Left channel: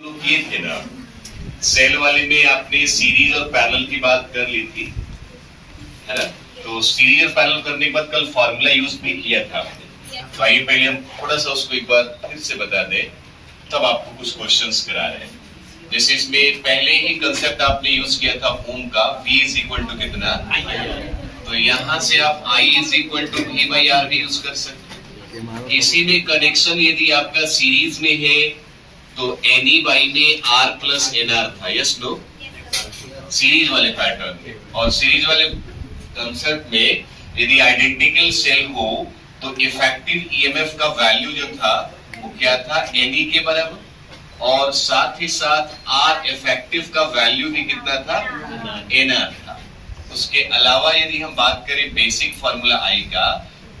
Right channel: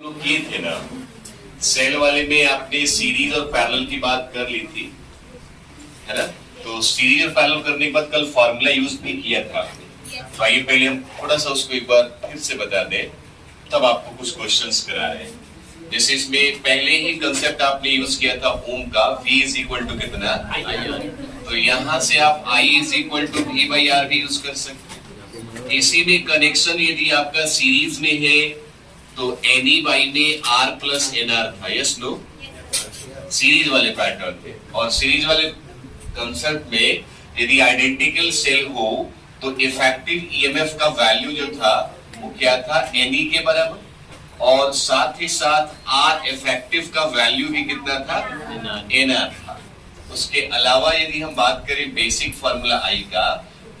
लोग किए थे ना, सेल वाले में आपने सीरीज और पैरेलल की बात कर ली थी, है ना। तो सीरीज और पैरेलल करने के बाद कल फॉर्मूला यूज भी किया था आपने। तो आइए पहले हम थोड़ा सा उसको एक बार फिर से बता दें, तब आपको कुछ क्वेश्चंस करा रहे हैं। जैसे इसमें पहले ही कंसेप्ट आपने यूज किया था ओम का, V इज इक्वल टू कितना, तो यहाँ से आप I is equal to V by R भी यूज कर सकते हैं। इसी में कनेक्शन यदि आपका सीरीज में है तो एनी बाई में R प्लस NR था, यस नो, सीरीज वाले पैटर्न में। और सीरीज वाले कंसेप्ट में यदि आइडेंटिकल सेल हो तो इफेक्टिव ईएमएफ का वैल्यू जो था वो क्या था, एनी के बराबर, और साथ ही साथ आर इफेक्टिव का वैल्यू भी कितना था, NR था। उसके अलावा यदि हम बात करें बेसिक फार्मूला आई का,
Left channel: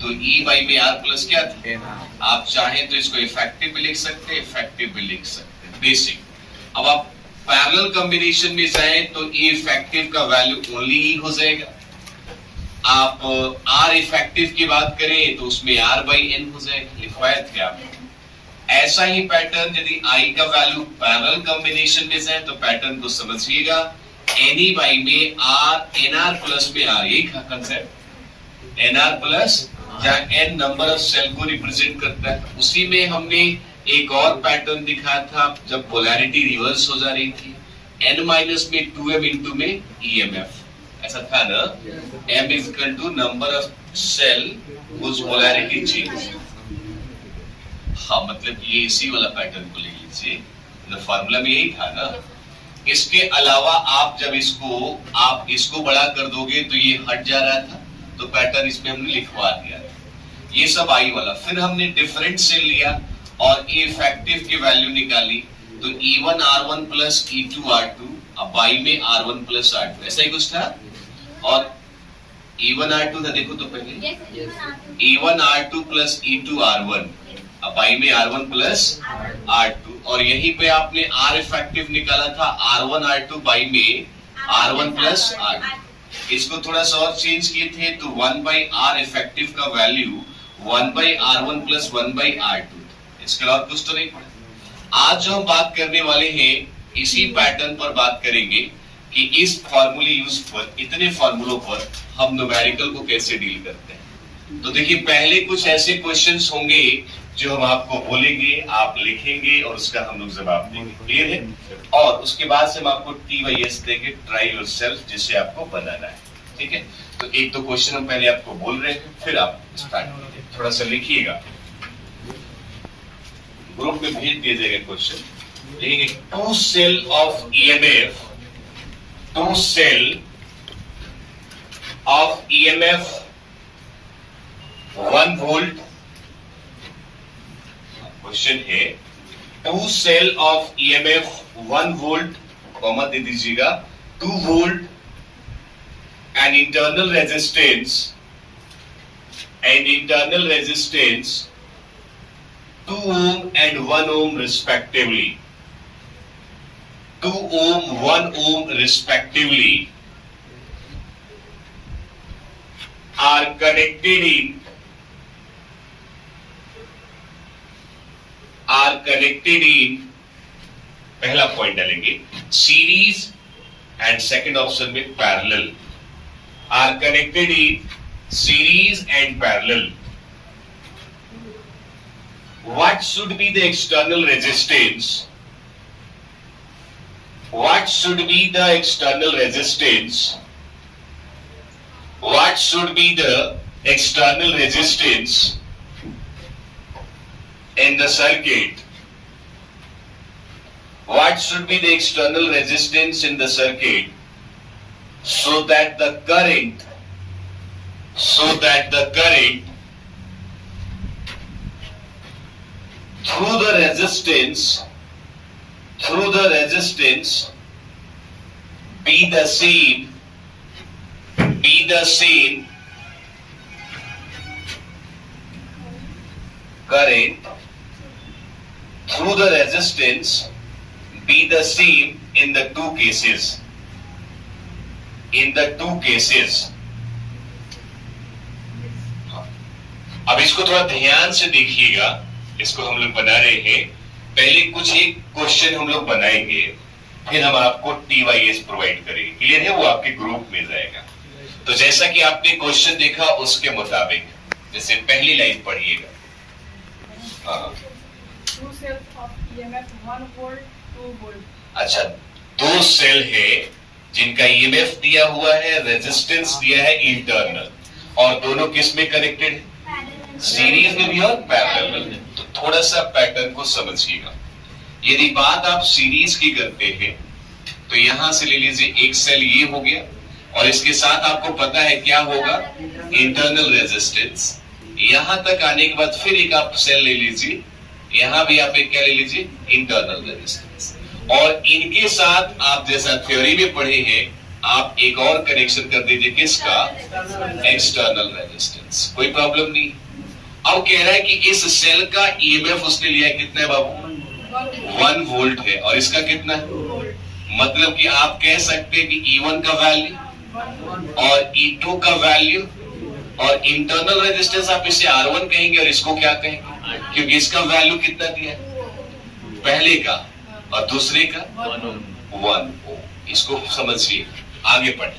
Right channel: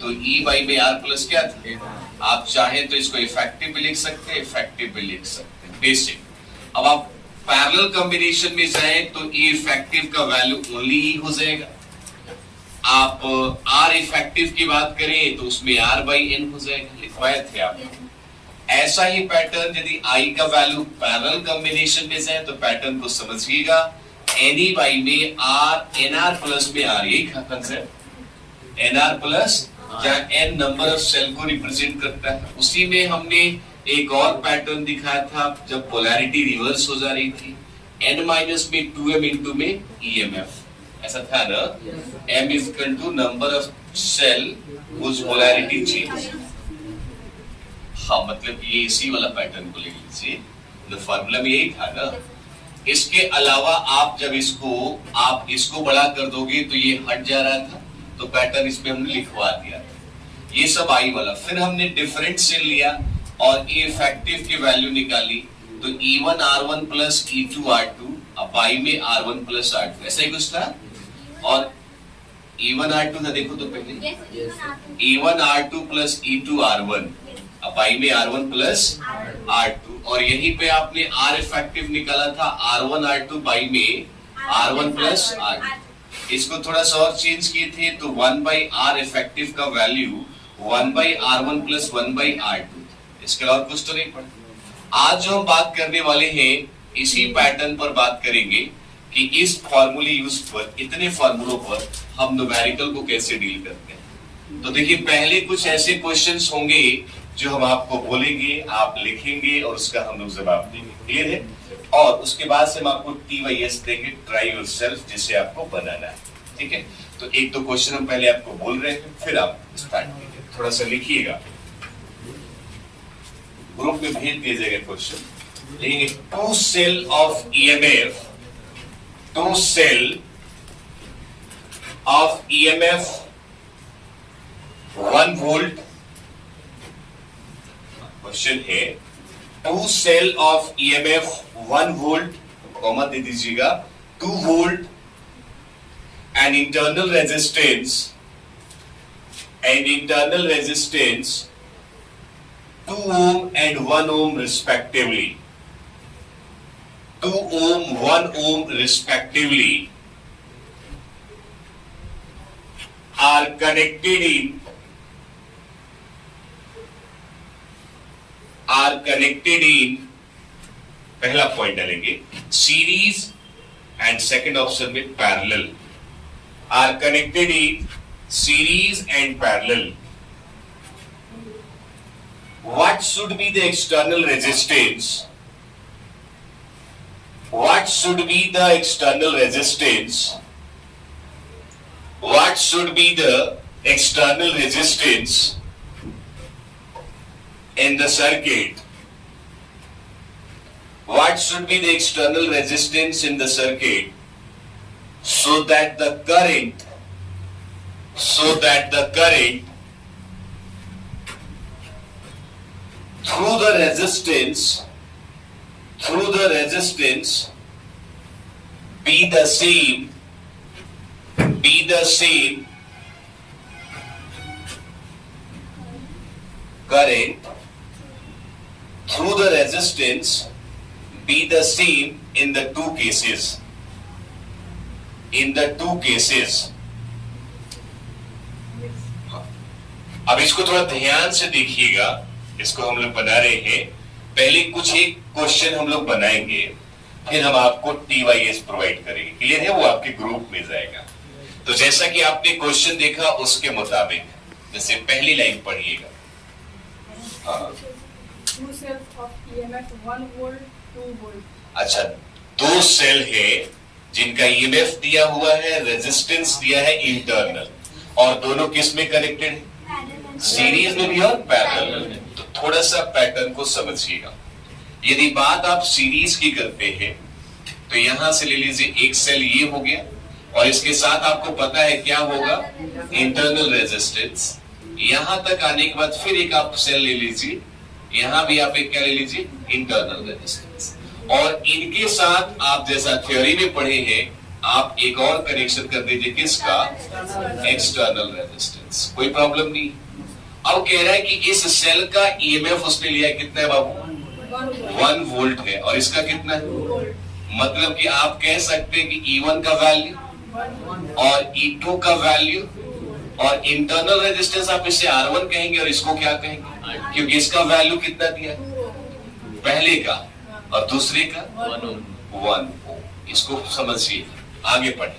तो E बाई में R प्लस क्या था, आप चाहें तो इसको इफेक्टिव भी लिख सकते हैं, इफेक्टिव भी लिख सकते हैं, बेसिक। अब आप पैरेलल कॉम्बिनेशन में जाएं तो E इफेक्टिव का वैल्यू ओनली E हो जाएगा। आप R इफेक्टिव की बात करें तो उसमें R बाई N हो जाएगा, लिखवाए थे आप। ऐसा ही पैटर्न यदि I का वैल्यू पैरेलल कॉम्बिनेशन में जाए तो पैटर्न को समझिएगा, NE बाई में R NR प्लस में R, यही कंसेप्ट, NR प्लस जहाँ N नंबर ऑफ सेल को रिप्रेजेंट करता है। उसी में हमने एक और पैटर्न दिखाया था जब पोलैरिटी रिवर्स हो जा रही थी, N माइनस में 2M इंटू में EMF, ऐसा था ना, M is equal to number of cell उस पोलैरिटी चेंज। हाँ, मतलब ये इसी वाला पैटर्न को ले लीजिए, तो फार्मूला में यही था ना। इसके अलावा आप जब आप इसको बड़ा कर दोगे तो ये हट जा रहा था, तो पैटर्न इसमें हमने लिखवा दिया। ये सब आई वाला, फिर हमने डिफरेंट से लिया और ए इफेक्टिव की वैल्यू निकाली, तो E1 R1 plus E2 R2, अब बाई में R1 प्लस R2, ऐसा ही कुछ था। और E1 R2 था, देखो तो पहले E1 R2 plus E2 R1, अब बाई में R1 प्लस R2, और यहीं पे आपने R इफेक्टिव निकाला था R1 R2 बाई में R1 प्लस R2। इसको थोड़ा सा और चेंज किए थे तो 1 बाई R इफेक्टिव का value 1 by R1 plus 1 by R2, इसके अलावा कुछ तो नहीं पड़ा। आज जो हम बात करने वाले हैं इसी पैटर्न पर बात करेंगे कि इस फॉर्मूले यूज पर, इतने फॉर्मूलों पर हम न्यूमेरिकल को कैसे डील करते हैं। तो देखिए, पहले कुछ ऐसे क्वेश्चंस होंगे जो हम आपको बोलेंगे, आप लिखेंगे और उसका हम लोग जवाब देंगे, क्लियर है। और उसके बाद से हम आपको TYS देंगे, ट्राई योरसेल्फ, जिसे आपको बनाना है, ठीक है। तो एक तो क्वेश्चन हम पहले आपको बोल रहे हैं, फिर आप स्टार्ट कीजिए, थोड़ा सा लिखिएगा, ग्रुप में भेज दीजिएगा क्वेश्चन। लिखेंगे two cell of EMF, two cell of EMF 1 volt. Question है two cell of EMF 1 volt, comma दे दीजिएगा, 2 volt and internal resistance 2 ohm and 1 ohm respectively, 2 ohm 1 ohm respectively are connected in पहला point डालेंगे series, and second option में parallel, are connected in series and parallel. What should be the external resistance? What should be the external resistance? What should be the external resistance in the circuit? What should be the external resistance in the circuit so that the current through the resistance be the same current through the resistance be the same in the two cases, अब इसको थोड़ा ध्यान से देखिएगा, इसको हम लोग बना रहे हैं पहले कुछ एक क्वेश्चन हम लोग बनाएंगे, फिर हम आपको TYS प्रोवाइड करेंगे। क्लियर है? वो आपके ग्रुप में जाएगा। तो जैसा कि आपने क्वेश्चन देखा उसके मुताबिक जैसे पहली लाइन पढ़िएगा। हाँ, Two cells of EMF 1 volt, 2 volt. अच्छा, दो सेल है जिनका EMF दिया हुआ है, रेजिस्टेंस दिया है इंटरनल, और दोनों किस में कनेक्टेड है? सीरीज में भी और पैरेलल में। तो थोड़ा सा पैटर्न को समझिएगा। यदि बात आप सीरीज की करते हैं तो यहां से ले लीजिए, एक सेल ये हो गया और इसके साथ आपको पता है क्या होगा, इंटरनल रेजिस्टेंस। यहां तक आने के बाद फिर एक आप सेल ले लीजिए, यहां भी आप एक क्या ले लीजिए, इंटरनल रेजिस्टेंस। और इनके साथ आप जैसा थ्योरी में पढ़े हैं, आप एक और कनेक्शन कर दीजिए, किसका? External resistance. कोई प्रॉब्लम नहीं। अब कह रहा है कि इस सेल का ईएमएफ उसने लिया कितना है बाबू? 1 वोल्ट है, और इसका कितना है? मतलब कि आप कह सकते हैं कि E1 का वैल्यू और E2 का वैल्यू, और इंटरनल रेजिस्टेंस आप इसे R1 कहेंगे और इसको क्या कहेंगे? क्योंकि इसका वैल्यू कितना दिया है, पहले का, और दूसरे का 1 ओम। इसको समझिए, आगे पढ़े।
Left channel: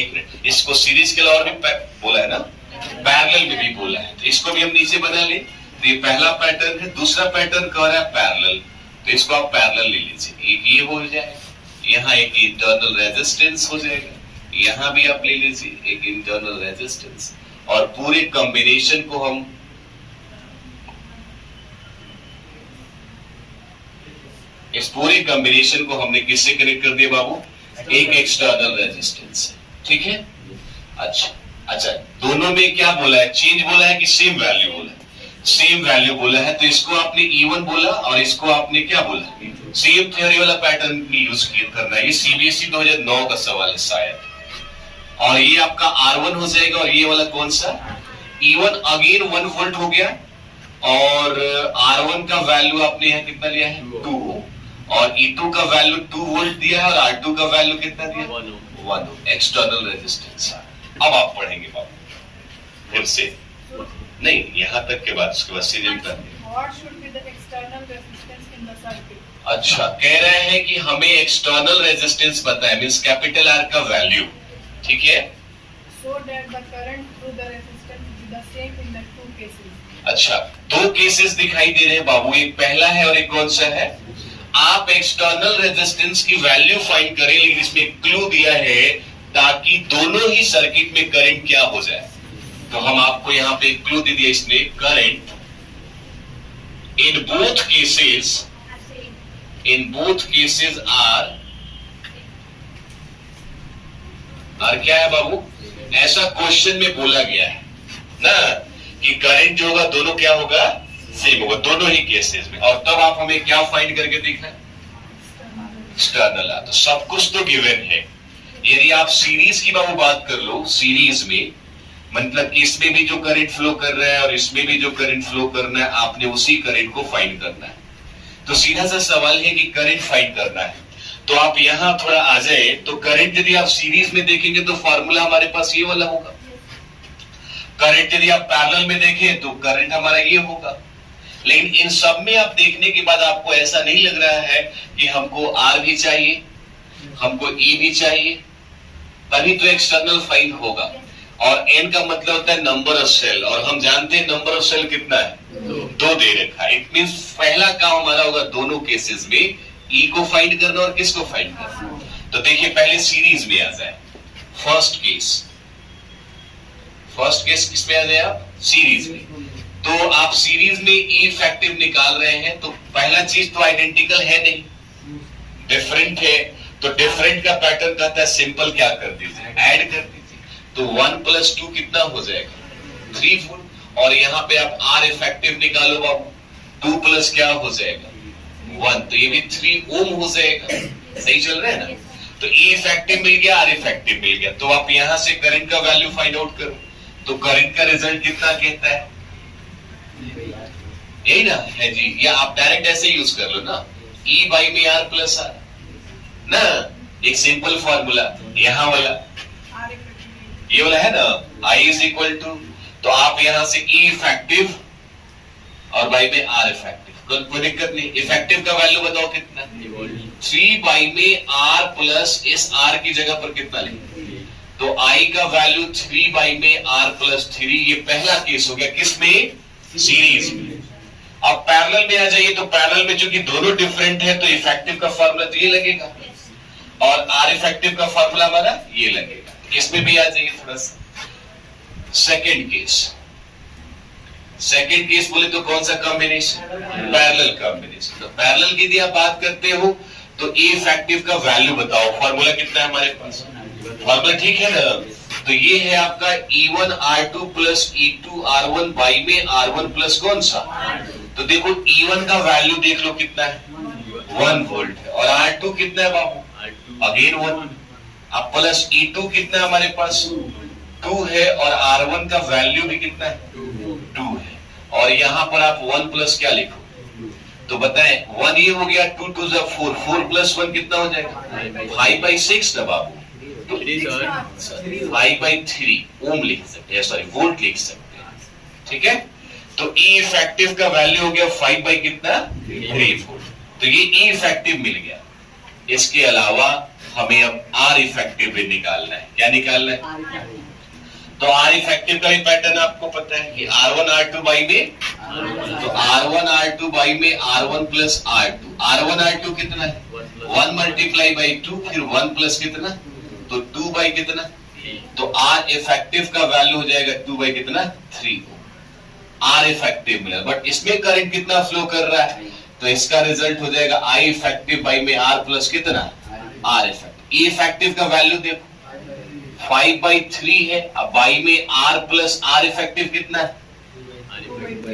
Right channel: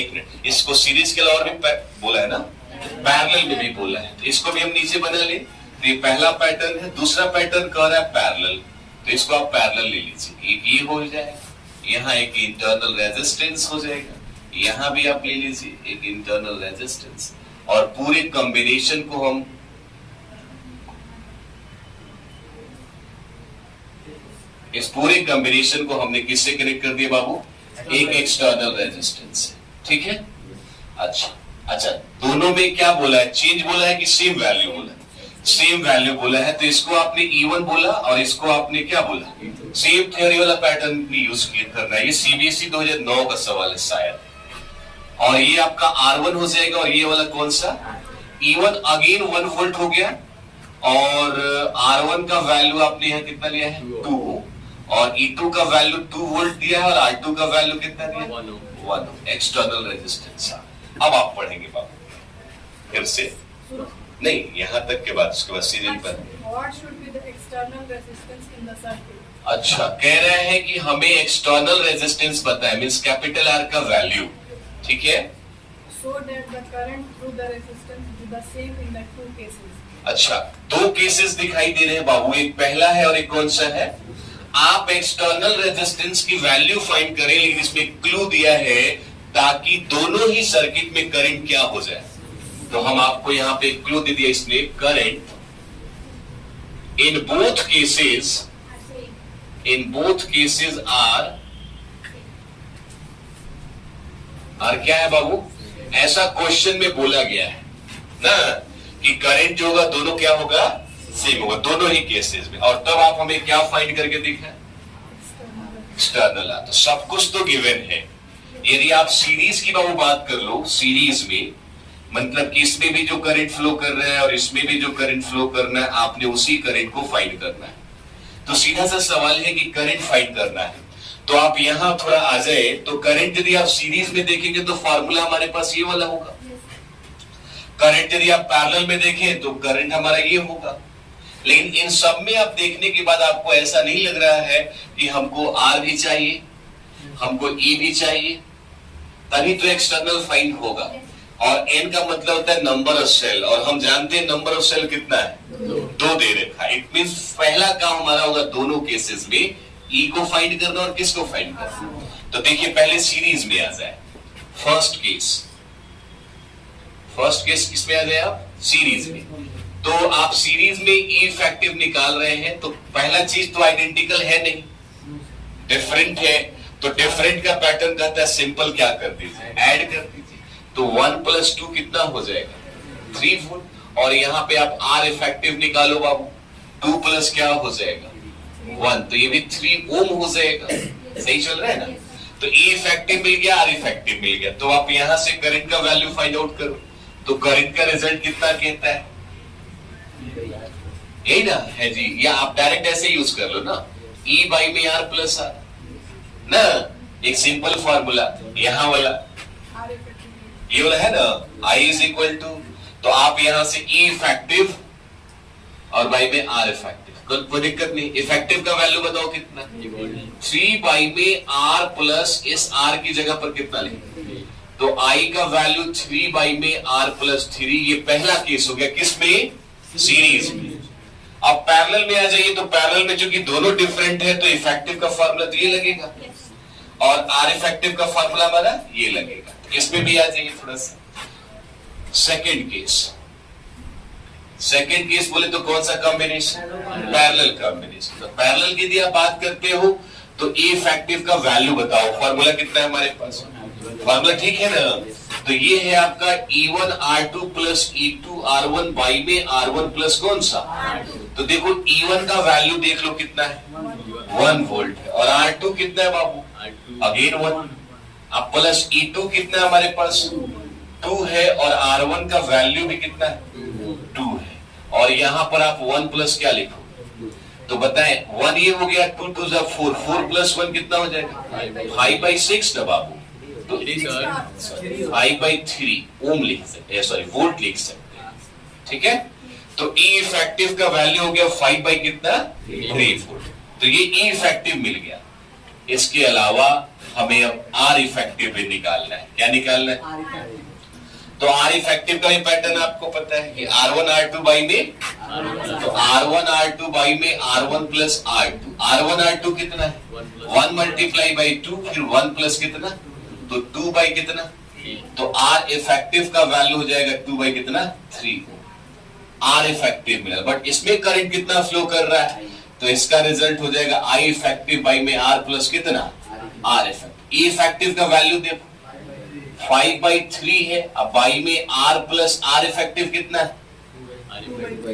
एक मिनट, इसको सीरीज के अलावा भी बोला है ना, पैरेलल में भी बोला है, तो इसको भी हम नीचे बना ले। तो ये पहला पैटर्न है। दूसरा पैटर्न कह रहा है पैरेलल, तो इसको आप पैरेलल ले लीजिए। एक ये हो जाएगा, यहाँ एक इंटरनल रेजिस्टेंस हो जाएगा, यहां भी आप ले लीजिए एक इंटरनल रेजिस्टेंस, और पूरे कॉम्बिनेशन को हम इस पूरे कॉम्बिनेशन को हमने किससे कनेक्ट कर दिया बाबू? एक एक्सटर्नल रेजिस्टेंस से। ठीक है? अच्छा, दोनों में क्या बोला है? चेंज बोला है कि सेम वैल्यू बोला है? सेम वैल्यू बोला है। तो इसको आपने E1 बोला और इसको आपने क्या बोला? सेम थ्योरी वाला पैटर्न यूज करना है। ये CBSE 2009 का सवाल है शायद। और ये आपका R1 हो जाएगा, और ये वाला कौन सा? E1 अगेन 1 वोल्ट हो गया, और R1 का वैल्यू आपने यहाँ कितना लिया है? 2, और E2 का वैल्यू 2 वोल्ट दिया है, और R2 का वैल्यू कितना दिया? 1 एक्सटर्नल रेजिस्टेंस। अब आप पढ़ेंगे बाबू फिर से, नहीं यहाँ तक के बाद, उसके बाद सीरियल पर। What should be the external resistance in the circuit? अच्छा, कह रहे हैं कि हमें एक्सटर्नल रेजिस्टेंस पता है, मींस कैपिटल R का वैल्यू। ठीक है? So that the current through the resistance be the same in the two cases. अच्छा, दो केसेस दिखाई दे रहे हैं बाबू, एक पहला है और एक कौन सा है? आप एक्सटर्नल रेजिस्टेंस की वैल्यू फाइंड करें, लेकिन इसमें क्लू दिया है ताकि दोनों ही सर्किट में करंट क्या हो जाए। तो हम आपको यहां पे क्लू दे दिया इसने, current in both cases are क्या है बाबू? ऐसा क्वेश्चन में बोला गया है ना कि करंट जो होगा दोनों क्या होगा? सेम होगा दोनों ही केसेस में। और तब आप हमें क्या फाइंड करके दिखा है? एक्सटर्नल। तो सब कुछ तो गिवन है। यदि आप सीरीज की बाबू बात कर लो, सीरीज में मतलब कि इसमें भी जो करंट फ्लो कर रहा है और इसमें भी जो करंट फ्लो करना है, आपने उसी करंट को फाइंड करना है। तो सीधा सा सवाल है कि करंट फाइंड करना है। तो आप यहां थोड़ा आ जाए, तो करंट यदि आप सीरीज में देखेंगे तो फॉर्मूला हमारे पास ये वाला होगा। करंट यदि आप पैरेलल में देखें तो करंट हमारा ये होगा। लेकिन इन सब में आप देखने के बाद आपको ऐसा नहीं लग रहा है कि हमको R भी चाहिए, हमको E भी चाहिए, तभी तो एक्सटर्नल फाइंड होगा। और N का मतलब होता है नंबर ऑफ सेल, और हम जानते हैं नंबर ऑफ सेल कितना है? 2 दे रखा है। इट मींस पहला काम हमारा होगा दोनों केसेस में E को फाइंड करना और किसको फाइंड करना। तो देखिए पहले सीरीज में आ जाए। फर्स्ट केस किसमें आ जाए आप? सीरीज में। तो आप सीरीज में E इफेक्टिव निकाल रहे हैं, तो पहला चीज तो आइडेंटिकल है नहीं, डिफरेंट है। तो डिफरेंट का पैटर्न कहता है सिंपल क्या कर दीजिए, ऐड कर दीजिए। तो 1 + 2 कितना हो जाएगा? 3 वोल्ट। और यहाँ पे आप R इफेक्टिव निकालो बाबू, 2 प्लस क्या हो जाएगा? 1, तो ये भी 3 ओम हो जाएगा। सही चल रहा है ना? तो E इफेक्टिव मिल गया, R इफेक्टिव मिल गया। तो आप यहां से करंट का वैल्यू फाइंड आउट करो, तो करंट का रिजल्ट कितना कहता है? यही ना है जी। या आप डायरेक्ट ऐसे यूज कर लो ना, E बाई में R प्लस R ना, एक सिंपल फॉर्मूला यहां वाला, ये वाला है ना, I = तो आप यहां से E इफेक्टिव और बाई में आर इफेक्टिव। कोई दिक्कत नहीं। इफेक्टिव का वैल्यू बताओ कितना? 3 बाई में आर प्लस इस आर की जगह पर कितना लेंगे? तो आई का वैल्यू 3 बाई में आर प्लस 3। ये पहला केस हो गया, किसमें? सीरीज में। अब पैरेलल में आ जाइए, तो पैरेलल में चूंकि दोनों डिफरेंट है तो इफेक्टिव का फॉर्मूला तो ये लगेगा और आर इफेक्टिव का फॉर्मूला हमारा ये लगेगा। इसमें भी आ जाइए थोड़ा सा। सेकेंड केस बोले तो कौन सा कॉम्बिनेशन? Parallel combination. तो पैरेलल की यदि आप बात करते हो तो ए इफेक्टिव का वैल्यू बताओ। फॉर्मूला कितना है हमारे पास? फॉर्मूला ठीक है ना? तो ये है आपका E1 R2 plus E2 R1 by में R1 प्लस कौन सा? तो देखो E1 का वैल्यू देख लो कितना है? 1 वोल्ट है। और R2 कितना है बाबू? अगेन 1। अब प्लस E2 कितना है हमारे पास? 2 है। और R1 का वैल्यू भी कितना है? 2 है। और यहां पर आप 1 प्लस क्या लिखो? तो बताएं, 1 ये हो गया, 2 2 4, 4 प्लस 1 कितना हो जाएगा? 5/6 ना बाबू। तो 5/3 ओम लिख सकते हैं, सॉरी वोल्ट लिख सकते हैं। ठीक है। तो ई इफेक्टिव का वैल्यू हो गया 5 बाई कितना? 3 वोल्ट। तो ये ई इफेक्टिव मिल गया। इसके अलावा हमें अब आर इफेक्टिव भी निकालना है। क्या निकालना है? तो आर इफेक्टिव का भी पैटर्न आपको पता है कि R1 R2 बाई में, तो R1 R2 बाई में R1 plus R2। R1 R2 कितना है? 1 मल्टीप्लाई बाई 2, फिर 1 प्लस कितना? तो 2 बाई कितना? तो आर इफेक्टिव का वैल्यू हो जाएगा 2 बाई कितना? 3। आर इफेक्टिव मिला, बट इसमें करंट कितना फ्लो कर रहा है? तो इसका रिजल्ट हो जाएगा आई इफेक्टिव बाई में आर प्लस कितना? R effective. ई इफेक्टिव का वैल्यू देखो 5/3 है। अब बाई में आर प्लस आर इफेक्टिव कितना है?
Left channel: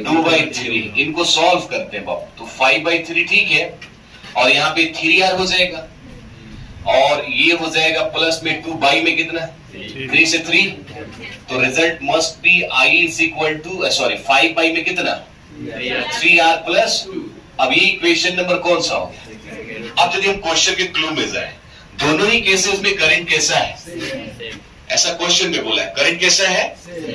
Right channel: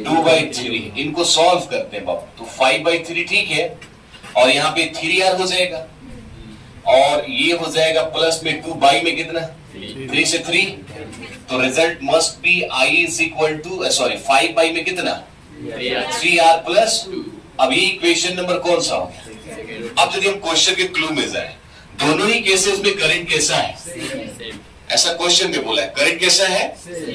2/3। इनको सॉल्व करते हैं बाबू। तो 5/3 ठीक है, और यहाँ पे 3R हो जाएगा, और ये हो जाएगा प्लस में 2 बाई में कितना? 3 से 3। तो result must be I is equal to, sorry 5 by में कितना? 3R plus. अब ये इक्वेशन नंबर कौन सा हो गया? अब यदि हम क्वेश्चन के क्लू में जाए, दोनों ही केसेस में करंट कैसा है? ऐसा क्वेश्चन में बोला है करंट कैसा है?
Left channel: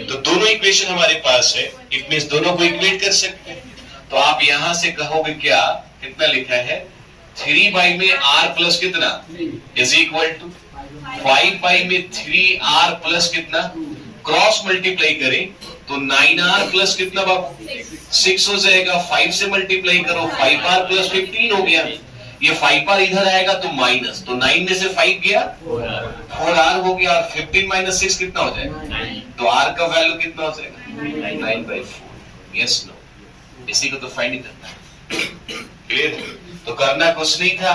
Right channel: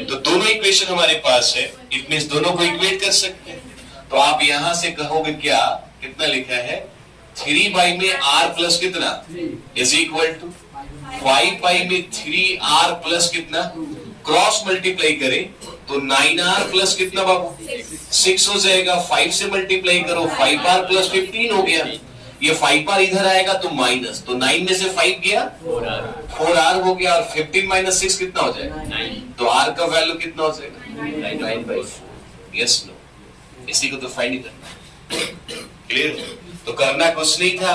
तो दोनों इक्वेशन हमारे पास है, इट मींस दोनों को इक्वेट कर सकते हैं। तो आप यहां से कहोगे क्या? कितना लिखा है? 3 बाई में R प्लस कितना इज इक्वल टू 5 बाई में 3R प्लस कितना? क्रॉस मल्टीप्लाई करें तो 9R प्लस कितना बाबू? 6 हो जाएगा। 5 से मल्टीप्लाई करो, 5R प्लस 15 हो गया। ये 5R इधर आएगा तो माइनस, तो 9 में से 5 गया 4R हो गया, और 15 माइनस 6 कितना हो जाएगा? तो R का वैल्यू कितना हो जाएगा? 9/4। Yes no? इसी को तो फाइंड करना है। क्लियर? तो करना कुछ नहीं था,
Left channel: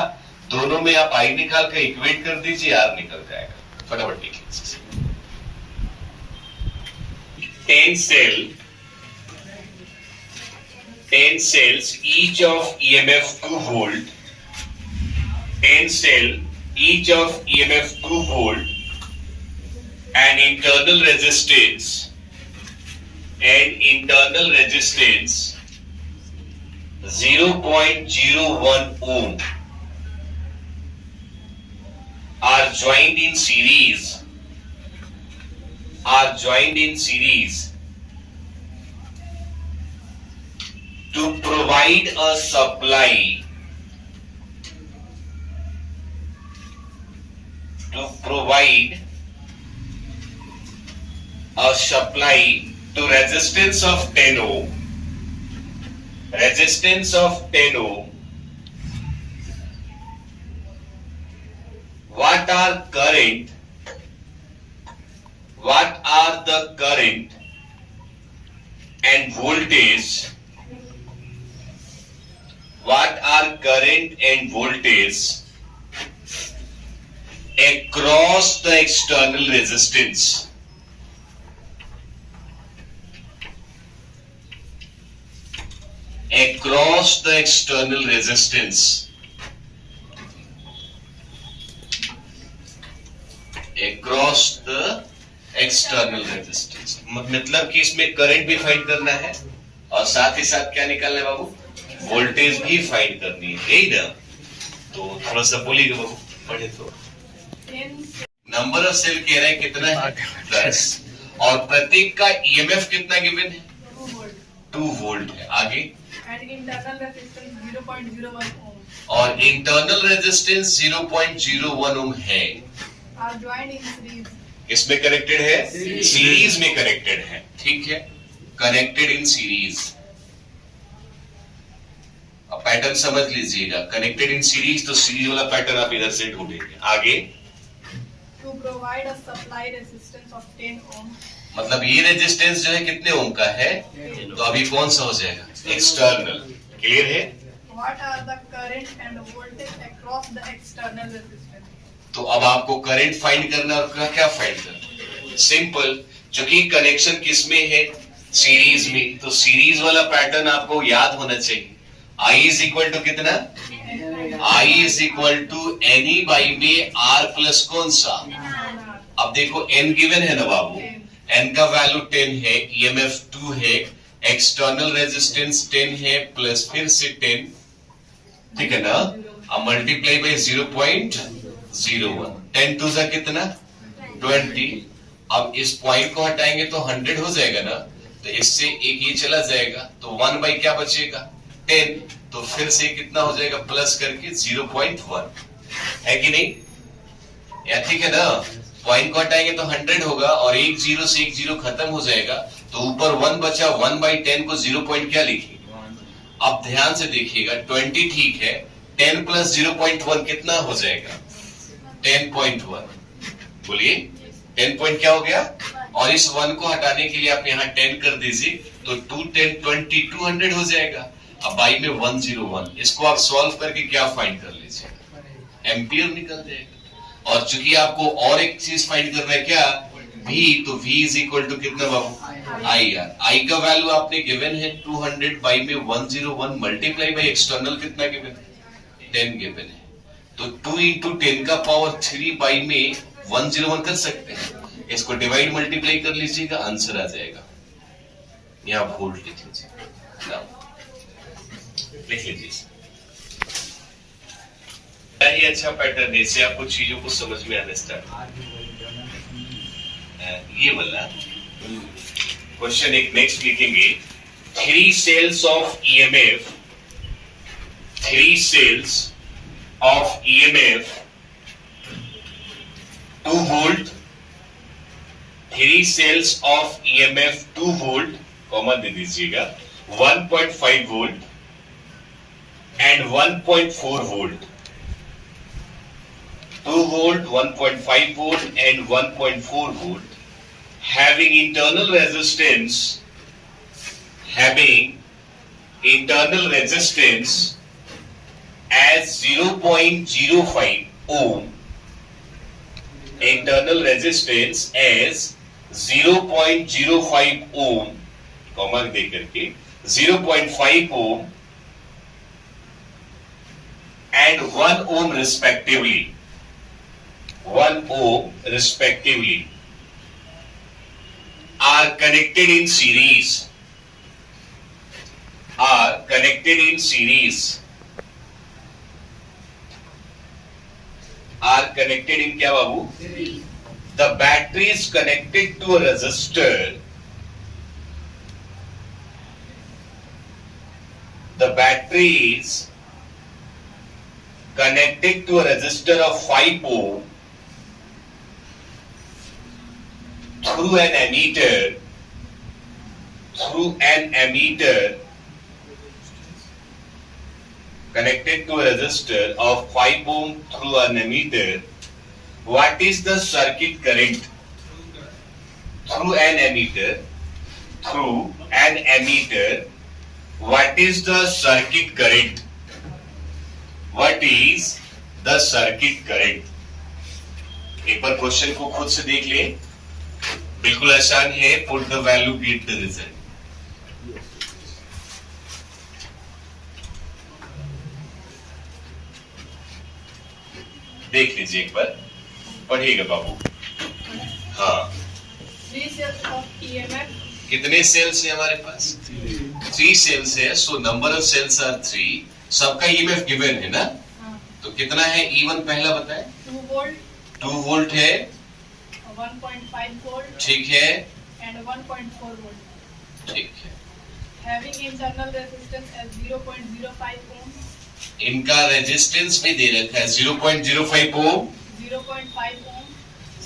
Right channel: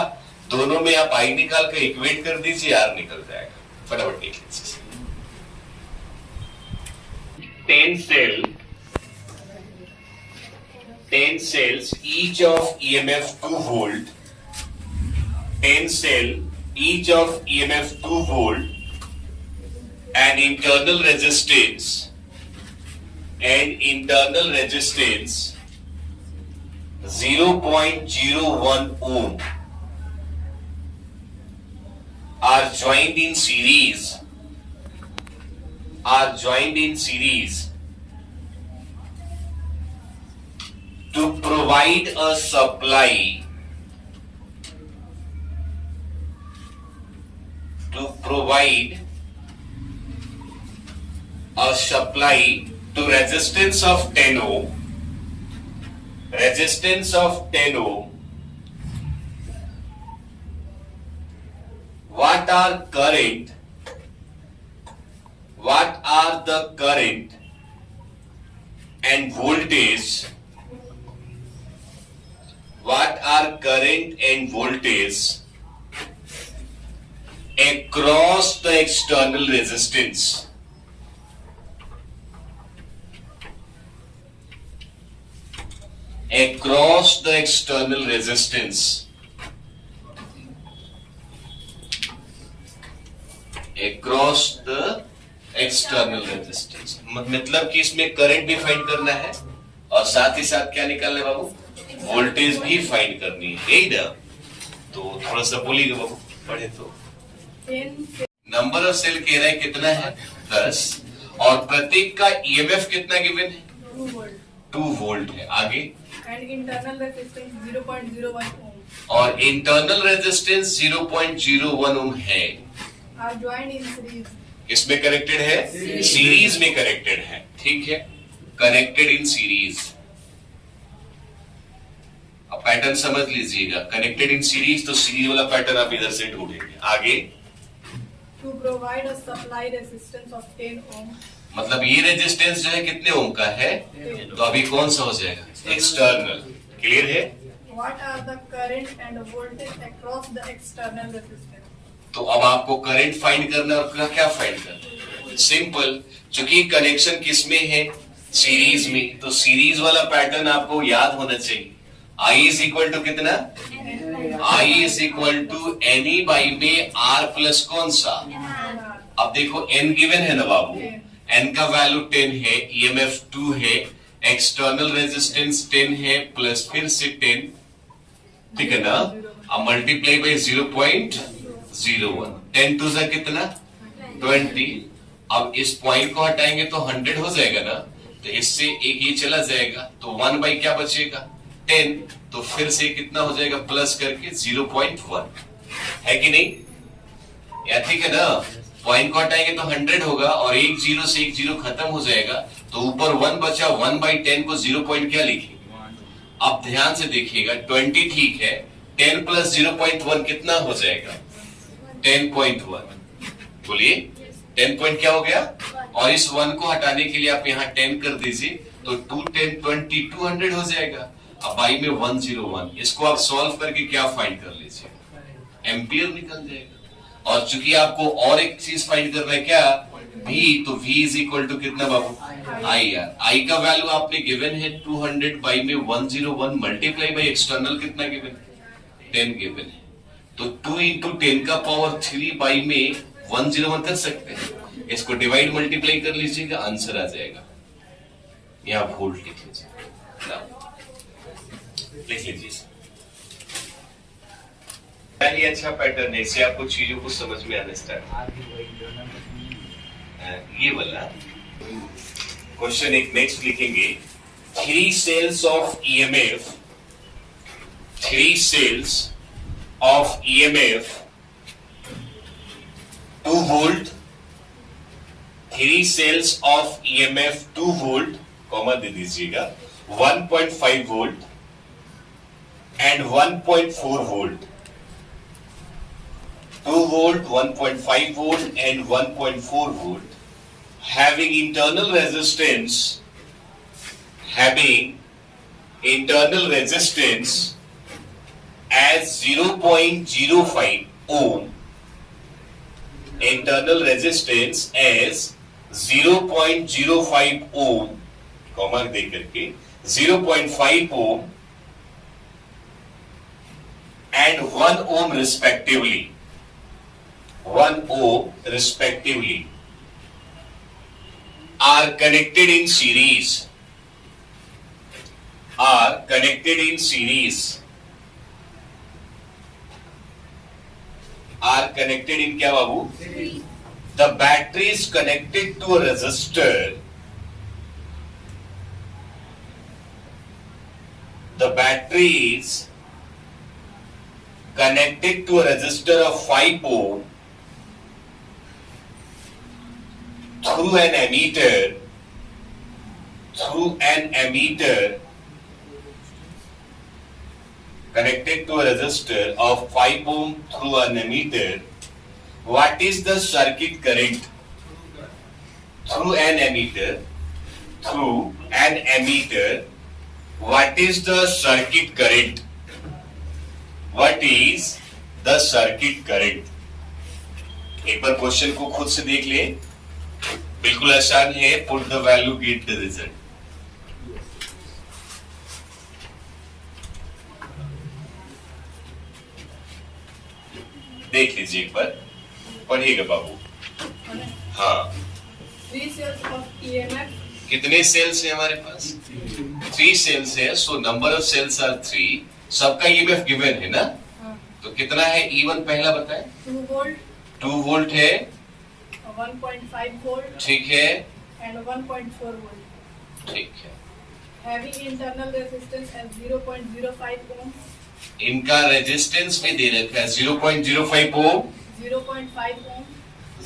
दोनों में आप आई निकाल कर इक्वेट कर दीजिए, आर निकल जाएगा। फटाफट देख लीजिए। 10 cells each of EMF 2 volt, 10 cell each of EMF 2 volt, and internal resistance 0.01 ohm are joined in series to provide a supply to resistance of 10 ohm. What are the current and voltage? What are current and voltage across the external resistance? Across the external resistance. Across the external resistance. मतलब कि इसमें current भी find करना है और साथ ही साथ क्या निकालना है बाबू? वोल्टेज भी फाइंड करनी है, यही ना? तो थोड़ा सा बोलिएगा बाबू, पढ़े तो। नंबर ऑफ सेल कह रहा है कितना है? 10, और प्रत्येक का ईएमएफ कितना गिवन है? 2 वोल्ट है। आगे and internal resistance 0.01 ohm और इंटरनल रेजिस्टेंस 0.01 ओम है। are joined in series. इसमें कनेक्टेड है, सीरीज में कनेक्टेड है। ठीक है, कनेक्टेड इन सीरीज। अब पैटर्न समझ लीजिएगा, कनेक्टेड इन सीरीज तो सीरीज वाला पैटर्न आप इधर से ढूंढेंगे। आगे To provide a supply resistance of 10 ohm. मतलब ये रेजिस्टेंस जो है कितने ओम का है, तो अभी कौन सा हो जाएगा, एक्सटर्नल। क्लियर है? What are the current and voltage across the external resistance? तो अब आपको करंट फाइंड करना और क्या फाइंड करना, सिंपल। क्योंकि कनेक्शन किसमें है, सीरीज में, तो सीरीज वाला पैटर्न आपको याद होना चाहिए। आई इज इक्वल टू कितना, I is equal to N E by में आर प्लस कौन सा। अब देखो एन गिवन है ना बाबू, एन का वैल्यू 10 है, ईएमएफ 2 है, एक्सटर्नल रेजिस्टेंस 10 है, प्लस फिर से 10, ठीक है ना। अब मल्टीप्लाई बाई 0.01, 10 टू जा कितना 20। अब इस पॉइंट को हटाएंगे तो 100 हो जाएगा ना, तो इससे एक ये चला जाएगा, तो 1 बाई क्या बचेगा 10, तो फिर से कितना हो जाएगा प्लस करके 0.1, है कि नहीं, या ठीक है ना। पॉइंट को हटाएंगे तो 100 होगा और एक जीरो से एक जीरो खत्म हो जाएगा, तो ऊपर 1 बचा, 1 बाई 10 को 0 पॉइंट क्या लिखेंगे। अब ध्यान से देखिएगा, 20 ठीक है, 10 प्लस 0.1 कितना हो जाएगा 10.1। बोलिए 10 पॉइंट क्या हो गया, और इस 1 को हटाने के लिए आप यहाँ 10 कर दीजिए, तो 2 10 20 200 हो जाएगा। अब बाई में 101, इसको आप सॉल्व करके क्या फाइंड कर लीजिएगा, एम्पियर निकल जाएगा। और चूंकि आपको और एक चीज फाइंड करना है क्या, V, तो V इज इक्वल टू कितना बाबू, आई आर। आई का वैल्यू आपने गिवन है 200 बाई में 101 मल्टीप्लाई बाई एक्सटर्नल कितना गिवन है 10 गिवन है, तो 2 इंटू 10 का पावर 3 बाई में 101 कर सकते हैं। इसको डिवाइड मल्टीप्लाई कर लीजिएगा, आंसर आ जाएगा। यहाँ वोल्ट लिख लीजिए, लिख लीजिए। ये अच्छा पैटर्न है, इससे आपको चीजों को समझ में आना स्टार्ट। ये वाला क्वेश्चन एक नेक्स्ट लिखेंगे, 3 cells of EMF, 3 cells of EMF 2 volt, 3 cells of EMF 2 volt, common दे दीजिएगा, 1.5 volt and 1.4 volt. 2 volt, 1.5 volt and 1.4 volt having internal resistance as 0.05 ohm, internal resistance as 0.05 ohm, comma दे करके 0.5 ohm and 1 ohm respectively, 1 ohm respectively are connected in series, are connected in series, are connected in क्या बाबू, the battery is connected to a resistor, the battery is connected to a resistor of 5 ohm through an ammeter, connected to a resistor of 5 ohm through an ammeter. What is the circuit current through an ammeter? Through an ammeter, what is the circuit current? What is the circuit current? एक बार question को खुद से देख ले, बिल्कुल आसान है। Put the value, get the result. देख लीजिए एक बार, पढ़िएगा बाबू। हाँ, 3 cells of EMF. कितने सेल्स है हमारे पास, 3 सेल्स है, so number of cells are 3, सबका ईएमएफ गिवन है ना, तो कितना है E1 पहला बताए, 2 volt, 2 वोल्ट है, 1.5 volt ठीक है, and 1.4 volt ठीक है, having internal resistance as 0.05 ohm, इनका रेजिस्टेंस में दे रखा है 0.05 ओम, 0.5 ohm,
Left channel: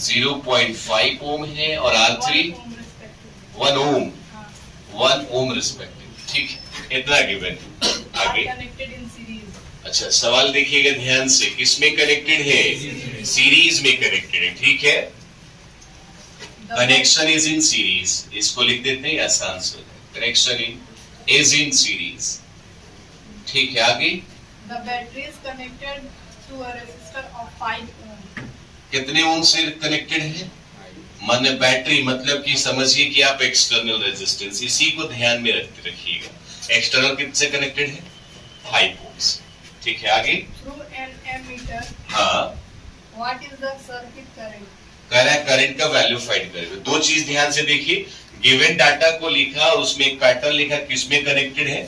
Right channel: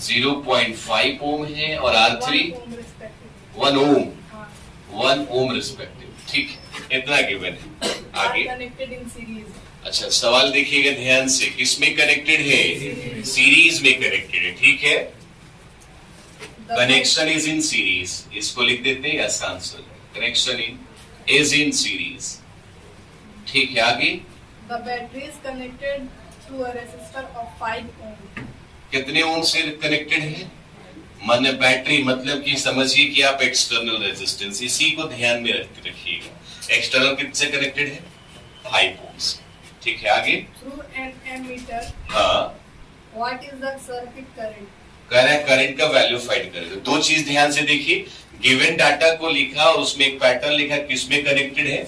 0.5 ओम है और R3 1 ohm respectively. 1 ओम, हाँ, 1 ओम रिस्पेक्टिव। ठीक है, इतना गिवन है। are आगे connected in series. अच्छा, सवाल देखिएगा ध्यान से, किसमें कनेक्टेड है? सीरीज में कनेक्टेड है। ठीक है, The connection is in series, इसको लिख देते हैं, आसान से connection in is in series. ठीक है, आगे The battery is connected through a resistor of 5 ohm. कितने ओम से कनेक्टेड है? माने बैटरी, मतलब कि समझिए कि आप एक्सटर्नल रेजिस्टेंस, इसी को ध्यान में रखते रखिएगा। एक्सटर्नल किससे कनेक्टेड है? 5 ओम से। ठीक है, आगे Through an ammeter, हाँ, what is the circuit current? कह रहा है करंट का वैल्यू फाइंड करेगा। दो चीज ध्यान से देखिए, गिवन डाटा को लिखा और उसमें एक पैटर्न लिखा, किसमें कनेक्टेड है?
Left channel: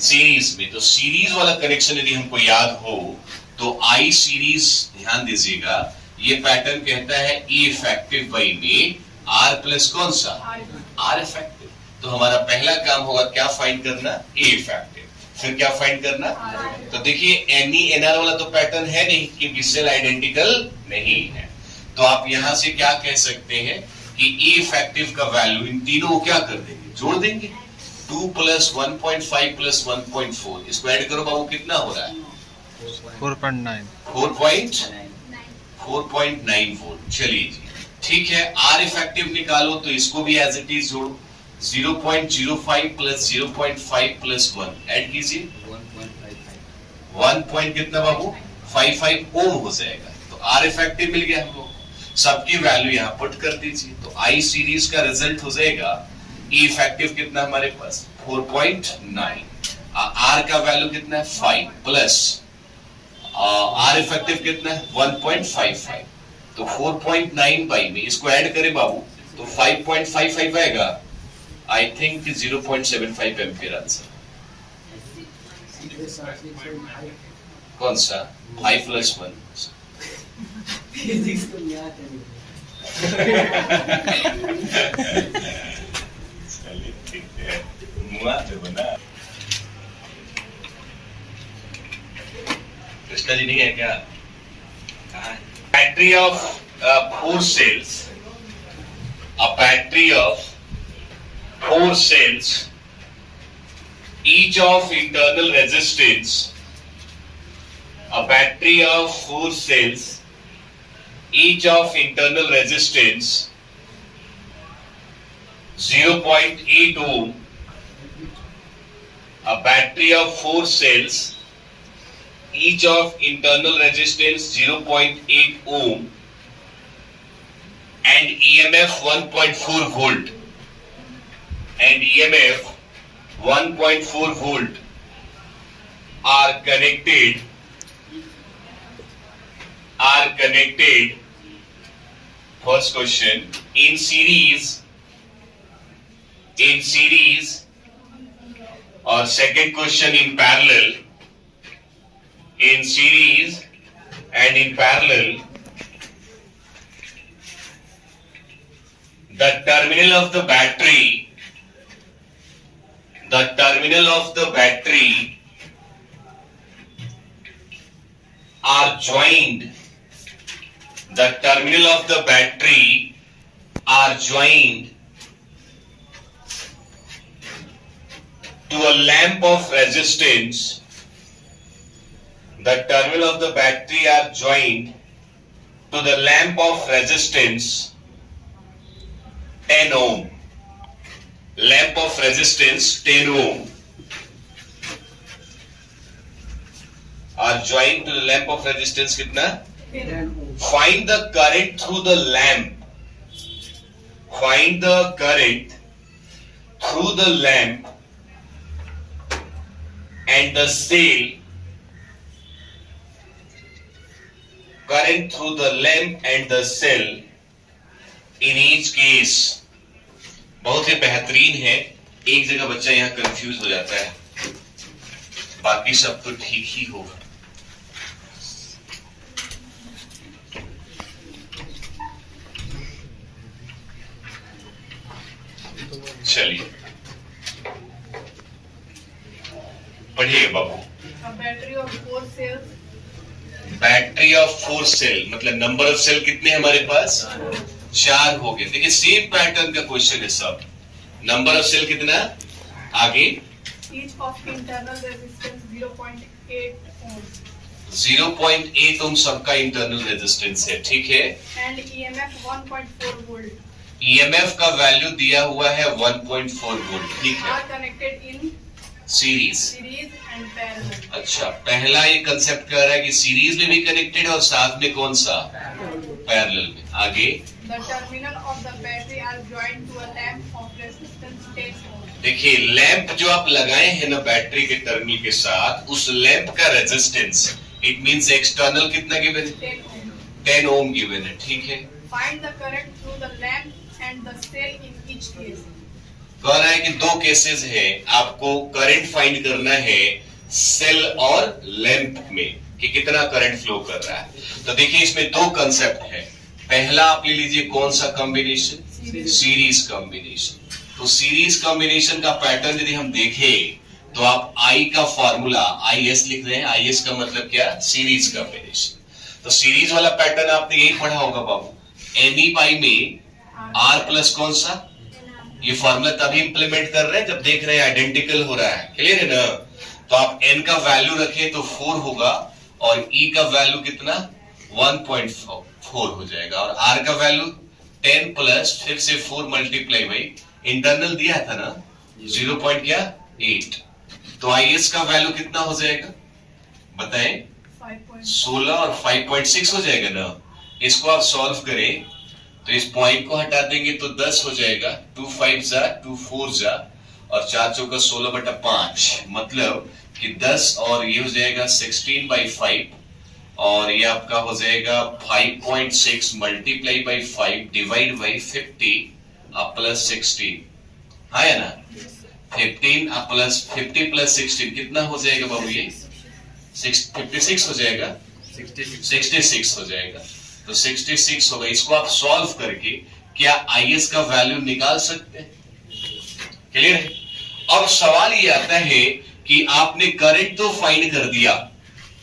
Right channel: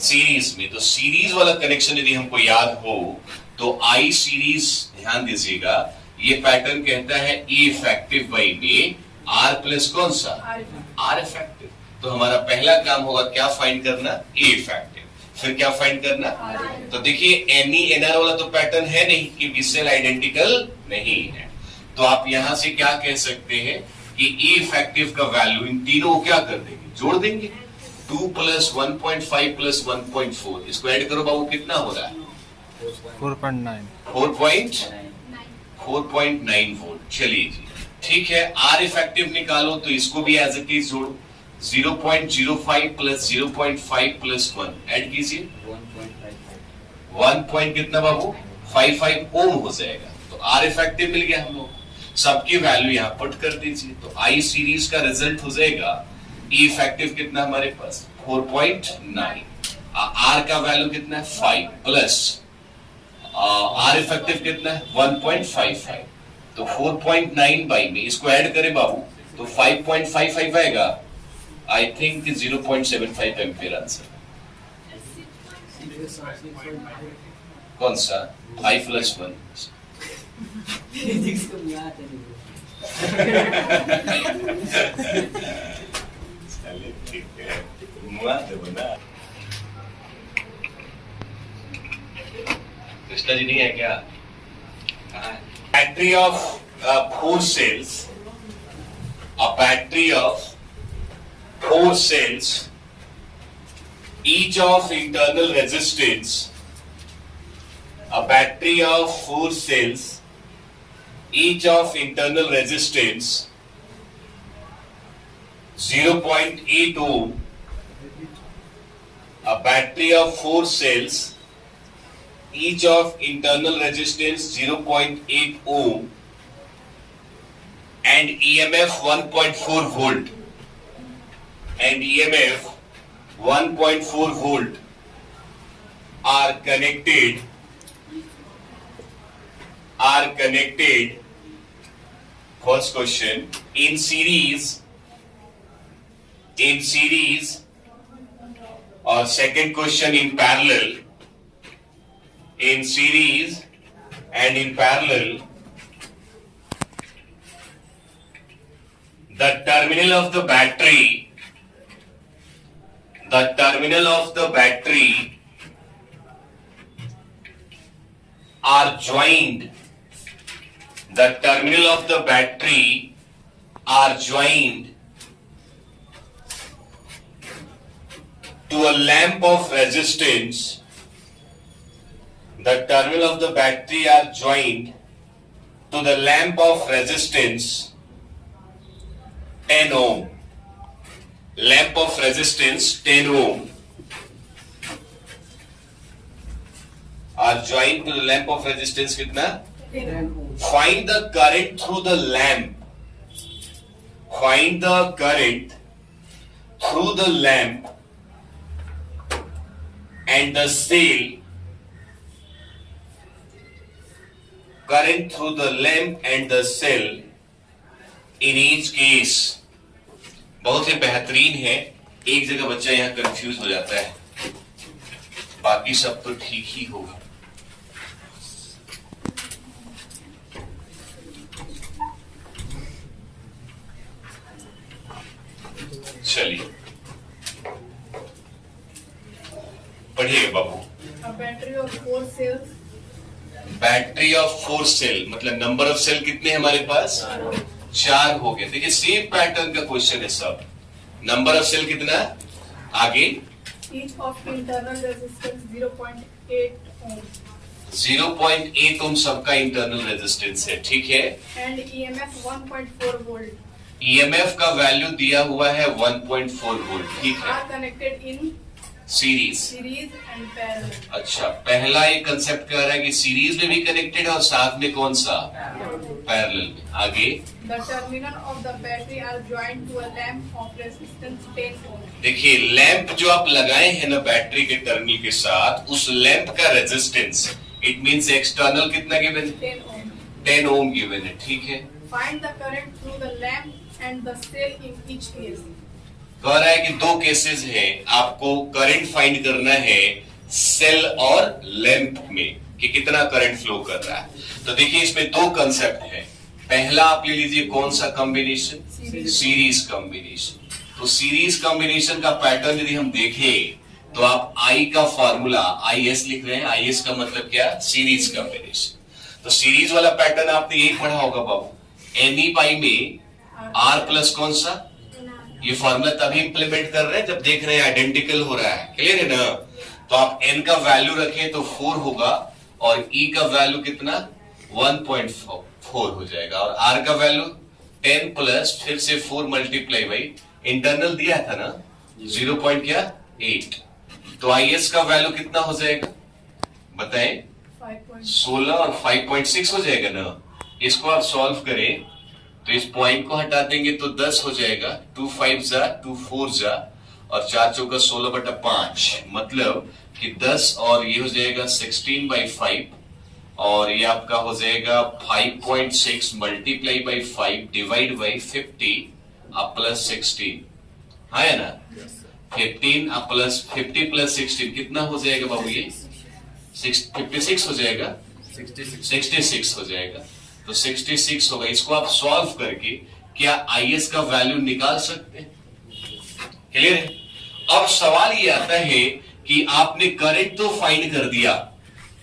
सीरीज में। तो सीरीज वाला कनेक्शन यदि हमको याद हो तो आई सीरीज, ध्यान दीजिएगा, ये पैटर्न कहता है ई इफेक्टिव बाई में आर प्लस कौन सा? R effective. तो हमारा पहला काम होगा क्या फाइंड करना? E effective. फिर क्या फाइंड करना? तो देखिए एनई एनआर वाला तो पैटर्न है नहीं, क्योंकि सेल आइडेंटिकल नहीं है। तो आप यहां से क्या कह सकते हैं कि ई इफेक्टिव का वैल्यू इन तीनों को क्या कर देंगे? जोड़ देंगे। 2 प्लस 1.5 प्लस 1.4, इसको ऐड करो बाबू, कितना हो रहा है? 4.9 वोल्ट। चलिए जी, ठीक है। आर इफेक्टिव निकालो तो इसको भी एज इट इज जोड़ो। 0.05 प्लस 0.5 प्लस 1 ऐड कीजिए, 1 पॉइंट कितना बाबू? 55 ओम हो जाएगा। तो आर इफेक्टिव मिल गया हम लोग, सबकी वैल्यू यहां पुट कर दीजिए। तो आई सीरीज का रिजल्ट हो जाएगा ई इफेक्टिव कितना हमारे पास? 4.9। आर का वैल्यू कितना है? 5 प्लस आर इफेक्टिव कितना है? 1.55। तो 4.9 बाई में इसको ऐड करें बाबू तो 5.55 आएगा। I think 0.75 ampere answer. कौन सा? 5 प्लस 1। कृष्णा जी नहीं है क्या? Battery of 4 cells, a battery of 4 cells, each of internal resistance, a battery of 4 cells, each of internal resistance 0.8 ohm, a battery of 4 cells, each of internal resistance 0.8 ohm, and EMF 1.4 volt, and EMF 1.4 volt are connected first question in series or second question in parallel, in series and in parallel. The terminal of the battery are joined. The terminal of the battery are joined to a lamp of resistance. The terminal of the battery are joined to the lamp of resistance 10 ohm. Lamp of resistance 10 ohm are joined to the lamp of resistance कितना? 10 ohm. Find the current through the lamp. Find the current through the lamp and the cell. Current through the lamp and the cell in each case. बहुत ही बेहतरीन है। एक जगह बच्चा यहाँ confuse हो जाता है, बाकी सब तो ठीक ही होगा। चलिए पढ़िए बाबू। A battery of 4 cells. Battery of 4 cell मतलब नंबर ऑफ सेल कितने हमारे पास 4 हो गए। देखिए सेम पैटर्न का क्वेश्चन है सब। नंबर ऑफ सेल कितना आगे Each of internal resistance 0.8 ohm 0.8 ओम सबका इंटरनल रेजिस्टेंस है, ठीक है। and EMF 1.4 volt ईएमएफ का वैल्यू दिया हुआ है 1.4 वोल्ट, ठीक है। are connected in series. series and parallel. अच्छा पहला ये कंसेप्ट कह रहा है कि सीरीज में भी कनेक्टेड है और साथ में कौन सा पैरेलल में। आगे The terminal of the battery are joined to a lamp of resistance 10 ohm. देखिए लैंप जो आप लगाए हैं ना बैटरी के टर्मिनल के साथ, उस लैंप का रेजिस्टेंस इट मींस एक्सटर्नल कितना गिवन है 10 ohm. 10 ओम गिवन है, ठीक है। Find the current through the lamp and the cell in each case. कह रहा है कि दो केसेस है, आपको करंट फाइंड करना है सेल और लैंप में कि कितना करंट फ्लो कर रहा है। तो देखिए इसमें दो कंसेप्ट है। पहला आप ले लीजिए कौन सा कॉम्बिनेशन, सीरीज कॉम्बिनेशन। तो सीरीज कॉम्बिनेशन का पैटर्न यदि हम देखें तो आप आई का फॉर्मूला IS लिख रहे हैं। IS का मतलब क्या, सीरीज कॉम्बिनेशन। तो सीरीज वाला पैटर्न आपने यही पढ़ा होगा बाबू। NE पाई में R प्लस कौन सा, ये फॉर्मूला तभी इंप्लीमेंट कर रहे हैं जब देख रहे हैं आइडेंटिकल हो रहा है, क्लियर है ना। तो आप n का वैल्यू रखें तो 4 होगा और E का वैल्यू कितना 1.4 हो जाएगा और R का वैल्यू 10 प्लस फिर से 4 मल्टीप्लाई बाई इंटरनल दिया था ना 0.8। तो IS का वैल्यू कितना हो जाएगा बताएं, 16 और 5.6 हो जाएगा ना। इसको आप सॉल्व करें तो इस पॉइंट को हटा देंगे तो 10 हो जाएगा। 2 5 जा 2 4 जा और 4 चौका 16/5 मतलब कि 10 और ये हो जाएगा 16/5 और ये आपका हो जाएगा 5.6 मल्टीप्लाई बाई 5 डिवाइड बाई 50 अब प्लस 16, हाँ है ना। 15 अब प्लस 50 प्लस 16 कितना हो जाएगा बाबू, ये 56 हो जाएगा, 66 हो जाएगा। तो 66 होगा। इसको आप सॉल्व करके क्या IS का वैल्यू निकाल सकते हैं, क्लियर है। अब सवाल ये आता है कि आपने करंट तो फाइंड कर दिया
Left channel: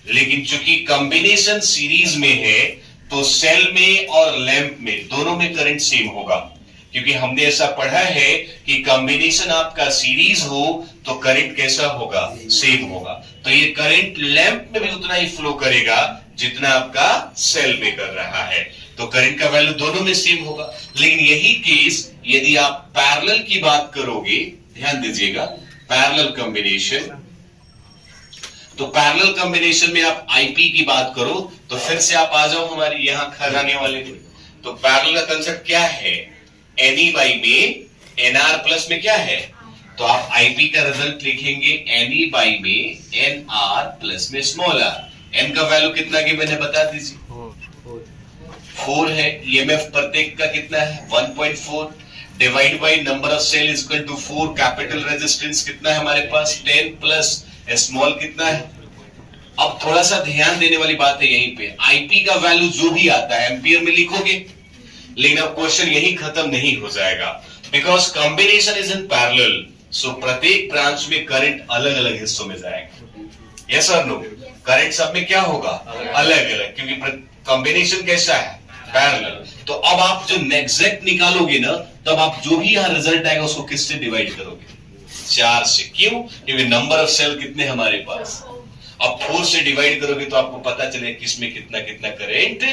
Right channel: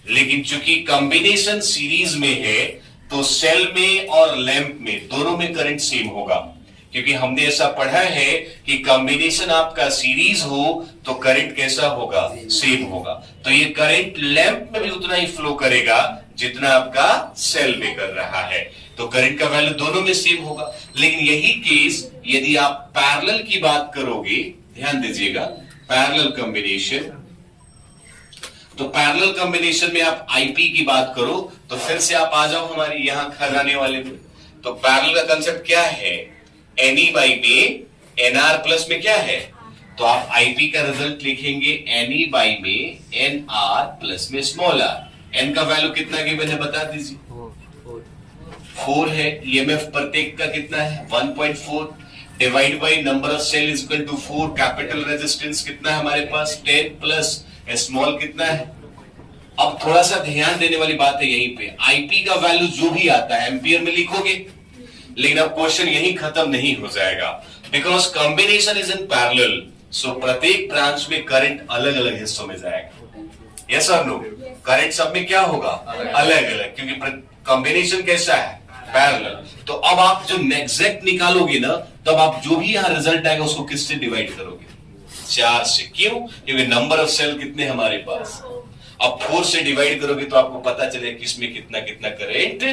लेकिन चूंकि कॉम्बिनेशन सीरीज में है तो सेल में और लैंप में दोनों में करंट सेम होगा, क्योंकि हमने ऐसा पढ़ा है कि कॉम्बिनेशन आपका सीरीज हो तो करंट कैसा होगा, सेम होगा। तो ये करंट लैंप में भी उतना ही फ्लो करेगा जितना आपका सेल में कर रहा है, तो करंट का वैल्यू दोनों में सेम होगा। लेकिन यही केस यदि आप पैरेलल की बात करोगे, ध्यान दीजिएगा पैरेलल कॉम्बिनेशन, तो पैरेलल कॉम्बिनेशन में आप IP की बात करो तो फिर से आप आ जाओ हमारे यहां खजाने वाले में। तो पैरेलल का कंसेप्ट क्या है, NE बाई में NR प्लस में क्या है, तो आप IP का रिजल्ट लिखेंगे NE बाई में NR प्लस में स्मॉल r। n का वैल्यू कितना गिवन है बता दीजिए, 4 है। EMF प्रत्येक का कितना है 1.4 divide by number of cell is equal to 4। Capital resistance कितना है हमारे पास 10 प्लस स्मॉल कितना है। अब थोड़ा सा ध्यान देने वाली बात है यहीं पे, IP का वैल्यू जो भी आता है एम्पियर में लिखोगे, लेकिन अब क्वेश्चन यही खत्म नहीं हो जाएगा because combination is in parallel. So प्रत्येक ब्रांच में करंट अलग अलग हिस्सों में जाएगा, यस और नो। करंट सब में क्या होगा अलग अलग, क्योंकि कॉम्बिनेशन कैसा है पैरेलल। तो अब आप जो एग्जैक्ट निकालोगे ना तब आप जो भी यहां रिजल्ट आएगा उसको किससे डिवाइड करोगे, 4 से। क्यों, क्योंकि नंबर ऑफ सेल कितने हमारे पास, अब 4 से डिवाइड करोगे तो आपको पता चलेगा किसमें कितना कितना करंट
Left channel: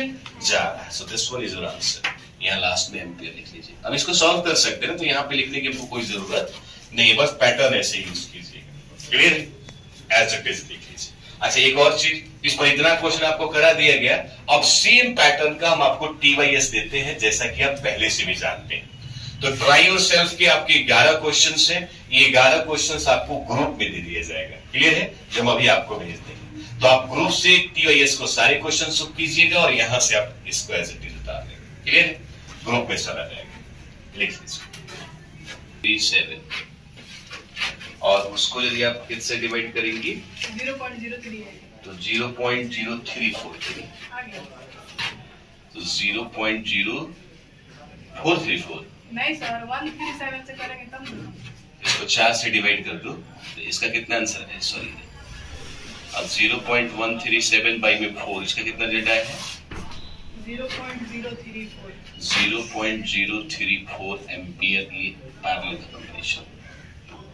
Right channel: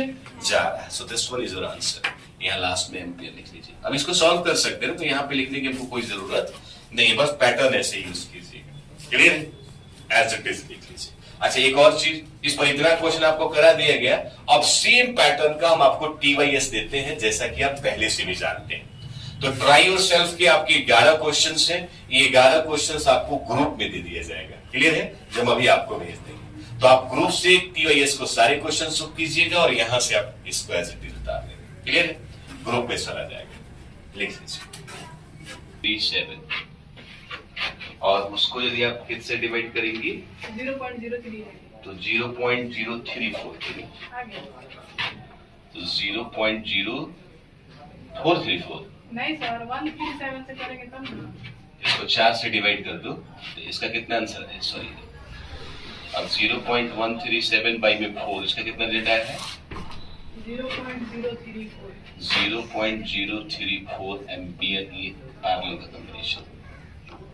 जा रहा है। So this one is your answer. यहाँ लास्ट में एम्पियर लिख लीजिए। अब इसको सॉल्व कर सकते हैं तो यहाँ पे लिखने की आपको कोई जरूरत नहीं, बस पैटर्न ऐसे यूज कीजिएगा, क्लियर है, एज इट इज लिख लीजिए। अच्छा एक और चीज, इस पर इतना क्वेश्चन आपको करा दिया गया, अब सेम पैटर्न का हम आपको TYS देते हैं जैसा कि आप पहले से भी जानते हैं। तो ट्राई योरसेल्फ के आपके 11 क्वेश्चंस हैं, ये 11 क्वेश्चंस आपको ग्रुप में दे दिया जाएगा, क्लियर है, जो हम अभी आपको भेज देंगे। तो आप ग्रुप से TYS को सारे क्वेश्चन सॉल्व कीजिएगा और यहां से आप इसको एज इट इज उतार लेंगे, क्लियर है। ग्रुप में चला जाएगा, लिख लीजिए 7 और उसको यदि आप किससे डिवाइड करेंगे 0.03 तो 0.0343 तो 0.0434 नहीं सर 137 से करेंगे तब ना। इसको 4 से डिवाइड कर दो तो इसका कितना आंसर है, सॉरी अब 0.137 बाई में 4, इसका कितना रिजल्ट आया है? 0.034 0.034 एम्पियर ये पैरेलल का कॉम्बिनेशन,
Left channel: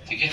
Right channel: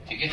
ठीक है।